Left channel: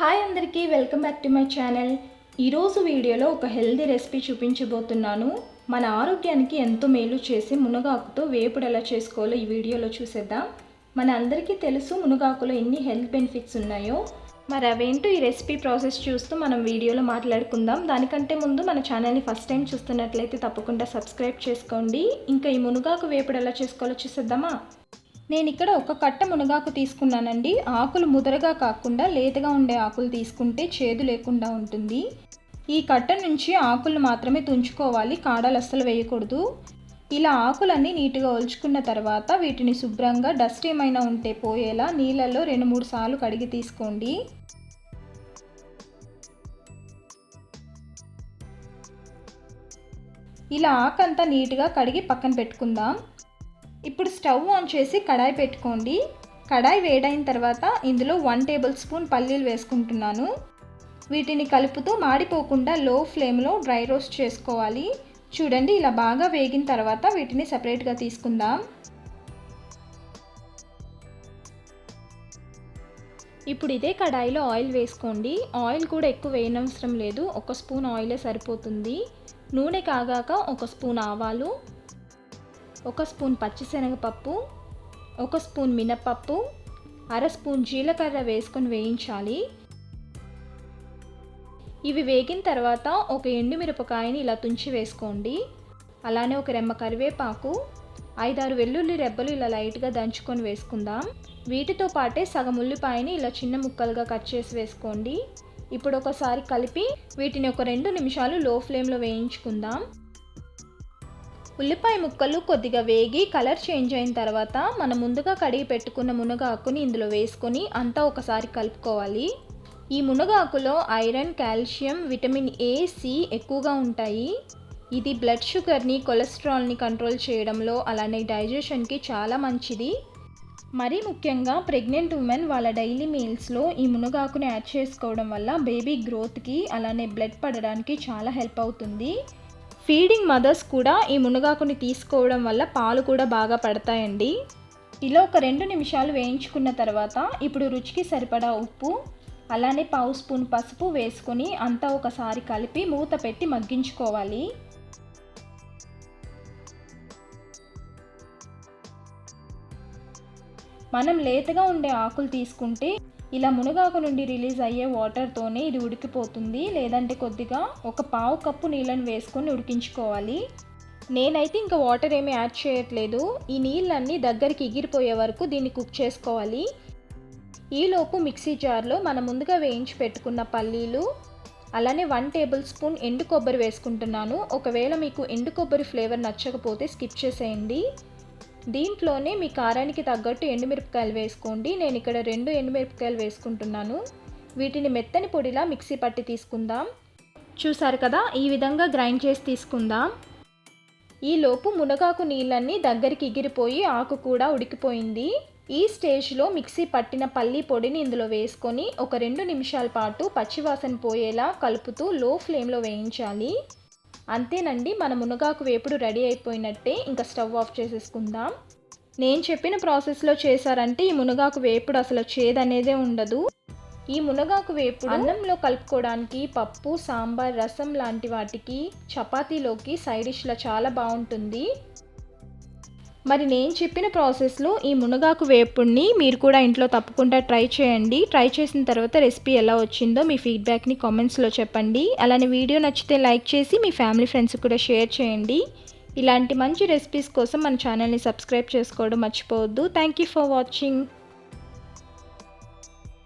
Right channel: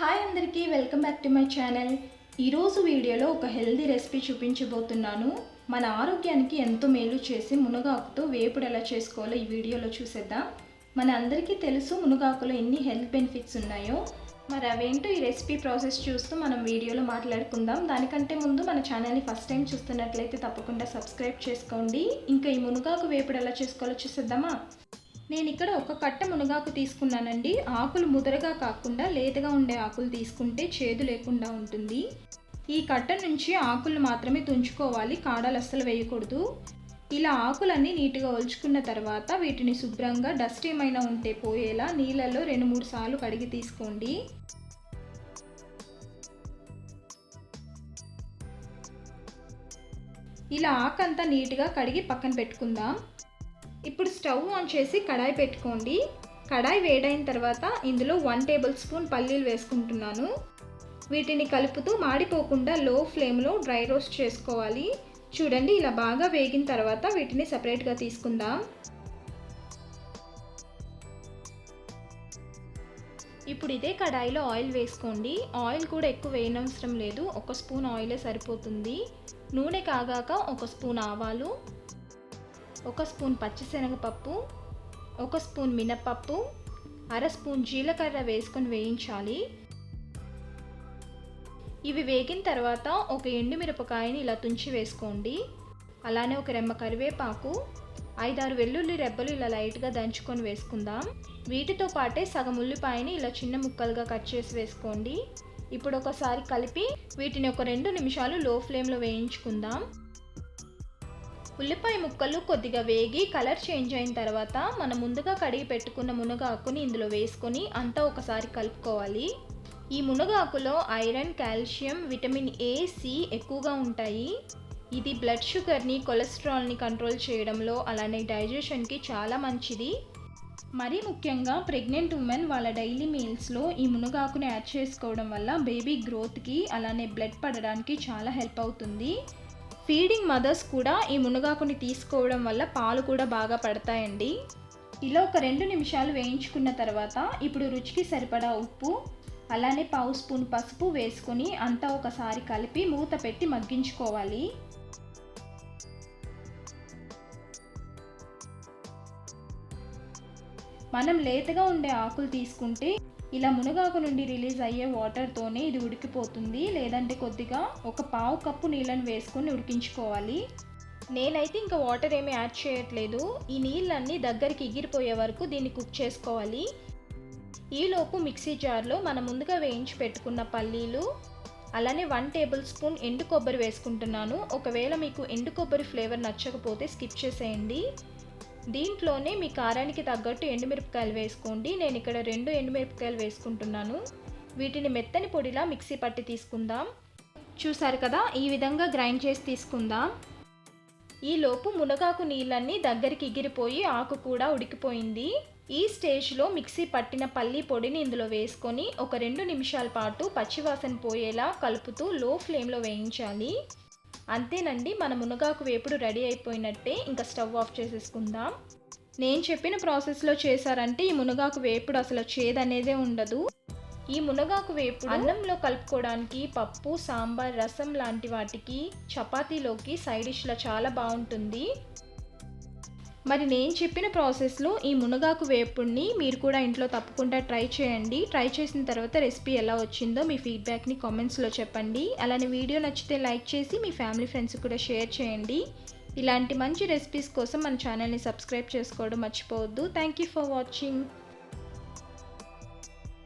Hi అందరికీ welcome back to my channel. ఈరోజు వీడియోలో ఒక హెల్దీ రెసిపీ చూపించబోతున్నాను. మన ఆరోగ్యానికి ఎంతో మేలు చేసి మునగాకుతో వేపుడు ఎలా చేసుకోవాలో ఈ వీడియోలో చూసేద్దాం. మన అందరికీ తెలుసు మునగాకులో ఎన్ని హెల్త్ బెనిఫిట్స్ ఉన్నాయో. మరి అవేంటో ఈ రెసిపీ ప్రాసెస్ చూస్తూ మనం వీడియోలో మాట్లాడుకుందాం. దానికంటే ముందు మన ఛానల్ని ఫస్ట్ టైం చూస్తున్నట్లయితే తప్పకుండా సబ్స్క్రైబ్ చేసుకోండి. ఇంకా ఈ మునగాకు వేపుడు ఎలా చేసుకోవాలో చూసేద్దామా. నేను ఇక్కడ ఒక కట్ట మునగాకు తీసుకున్నానండి. ఆకులు ముదరగా కాకుండా లేతగా ఉండే ఆకులు తీసుకుంటే చేదు లేకుండా ఉంటుంది. ఈ కట్ట నుంచి ఆకులు మాత్రమే తుంచుకోవాలి, కాడలు అస్సలు వేయకూడదు. ఇలా ఆకులన్నీ నీట్గా ఒలుచుకున్న తర్వాత వీటిని శుభ్రంగా డస్ట్ ఏమైనా ఉంటే పోయేలా నీళ్ళల్లో 2-3 సార్లు కడిగి తీసుకోండి. ఇలా ఆకంతా నీట్గా కడిగి పక్కన పెట్టుకుందాం. ఇప్పుడు స్టవ్ ఆన్ చేసి కడాయి పెట్టుకోండి. కడాయి వేడైన తర్వాత ఇందులో 1 టేబుల్ స్పూన్ పల్లీలు వేసుకుంటున్నాను. వీటిని కలుపుతూ మాడిపోకుండా లో ఫ్లేమ్లో డ్రై రోస్ట్ చేసుకోవాలి. చూడండి, ఇలా బాగా వేగిన తర్వాత వీటిని సపరేట్గా తీసుకుందాం. ఇప్పుడు ఇదే కడాయిలో ఆయిల్ వేసుకోండి. ఆయిల్ కూడా ఎక్కువ వేయనవసరం లేదు, 1 స్పూన్ ఆయిలే సరిపోతుంది. నూనె కాగాక 1 స్పూన్ ఆవాలు, 1 స్పూన్ పచ్చిశనగపప్పు, 1 స్పూన్ మినపప్పు, 1/2 స్పూన్ జీలకర్ర వేసుకొని వేయించాలి. ఇవి వేగిన తర్వాత ఒక ఎండుమిరపకాయని ఇలా తుంచి వేసుకోండి. అలానే ఒక రెమ్మ కరివేపాకు, 5-6 వెల్లుల్లి రెబ్బలు ఇలా లైట్గా దంచుకొని వేసుకుందాం. వీటితో పాటే సగం ఉల్లిపాయని ఇలా చిన్న ముక్కలుగా కట్ చేసి వేసుకోండి. ఇప్పుడు ఒకసారి కలిపి వీటిని ఒక 2 నిమిషాలు లో ఫ్లేమ్లో వేయించుకుందాం. ఉల్లిపాయ ముక్కలు కొద్దిగా వేగి కలర్ చేంజ్ అయిన తర్వాత మనం ముందుగా కడిగి పెట్టుకున్న మునగాకుని ఇందులో వేసుకొని అంతా ఒకసారి కలుపుకోవాలి. ఈ మునగాకులో iron, calcium, vitamin A, C ఎక్కువగా ఉంటాయి. ఇది బ్లడ్ షుగర్ని, కొలెస్ట్రాల్ని కంట్రోల్ చేయడంలో అలానే డైజెషన్కి చాలా మంచిది. మరీ ముఖ్యంగా ప్రెగ్నెంట్ ఉమెన్ వాళ్ళ డైలీ మీల్స్లో ఈ మునగాకుని యాడ్ చేసుకోవడం వల్ల బేబీ గ్రోత్కి అలానే బ్లడ్ పడడానికి చాలా హెల్ప్ అవుతుంది. ఫీడింగ్ మదర్స్ కూడా ఈ మునగాకుని తీసుకోవడం వల్ల పాలు కూడా బాగా పడతాయండి. ఇలా ఒక 2 నిమిషాలు వేయించుకున్న తర్వాత ఇప్పుడు రుచికి సరిపడా ఉప్పు అలానే 1/2 స్పూన్ పసుపు వేసుకొని అంతా ఒకసారి కలిపి మూత పెట్టి మగ్గించుకోవాలి. మనం లేతగా ఉండే ఆకులు తీసుకుంటే ఇలా మునగాకు నుండి రిలీజ్ అయ్యే వాటర్తోనే ఇది ఉడికిపోతుంది. లేదంటే కొద్దిగా ఒక 1/2 కప్పు నీళ్ళని వేసుకొని ఉడికించుకోవాలి. నేనైతే ఇంకా వాటర్ ఏమీ యాడ్ చేయట్లేదు. ఈ నీళ్ళన్నీ దగ్గరికి ఎగిరిపోయే వరకు దీన్ని కుక్ చేసుకోవాలి. ఈలోపు మిక్సీ జార్లో మనం ముందుగా వేయించి పెట్టుకున్న పల్లీలు అలానే 1 టేబుల్ స్పూన్ ఎండు కొబ్బరి వేసుకుంటున్నాను. ఒకవేళ మీకు ఎండు కొబ్బరి ఫ్లేవర్ నచ్చకపోతే స్కిప్ చేసేయండి. దీంట్లోనే మీ కారానికి తగ్గట్టు ఎండుమిరపకాయలు వేసుకోండి. నేను ఇక్కడ 2 ఎండుమిరపకాయలు వేసుకుంటున్నాను. వీటిని మెత్తని పొడిలా మిక్సీ పట్టి తీసుకుందాం. చూసారు కదా, ఈ విధంగా గ్రైండ్ చేసి తీసుకుందాం. ఈలోపు మునగాకు నీళ్ళన్నీ దగ్గరికి ఎగిరిపోయి ఆకు కూడా ఉడికిపోయింది. ఈ స్టేజ్లో మిక్సీ పట్టిన పల్లి పొడిని ఇందులో వేసుకొని ఒక 2 నిమిషాల పాటు పచ్చివాసన పోయేలా కలుపుతూ లో ఫ్లేమ్లో వేయించాలి. అంతేనండి, మన మునగాకు వేపుడు రెడీ అయిపోయినట్టే. ఇంకా స్టవ్ ఆఫ్ చేసేసుకుందాం. నేను చెప్పిన ప్రాసెస్లో చేశారంటే ఈ మునగాకు వేపుడు అసలు చేదనేదే ఉండదు. ఈ మునగాకు వేపుడు అన్నంలో కలుపుకోవడానికి, పప్పు, సాంబార్, రసం లాంటి వాటికి, చపాతీలోకి సైడ్ డిష్లో చాలా బాగుంటుంది. మరి నేను చెప్పిన ప్రాసెస్లో ఈ మునగాకు వేపుడిని మీరు కూడా ఇంట్లో తప్పకుండా ట్రై చేయండి. ట్రై చేసిన తర్వాత రెసిపీ ఎలా వచ్చిందో మీ ఫీడ్బ్యాక్ని కామెంట్స్లో చెప్పండి. అలానే వీడియో నచ్చితే లైక్ చేసి మీ ఫ్యామిలీ ఫ్రెండ్స్కి కూడా షేర్ చేయండి. ఇలాంటి మంచి రెసిపీస్ కోసం మన ఛానల్ని సబ్స్క్రైబ్ చేసుకోవడం మర్చిపోవద్దు. Thank you for watching.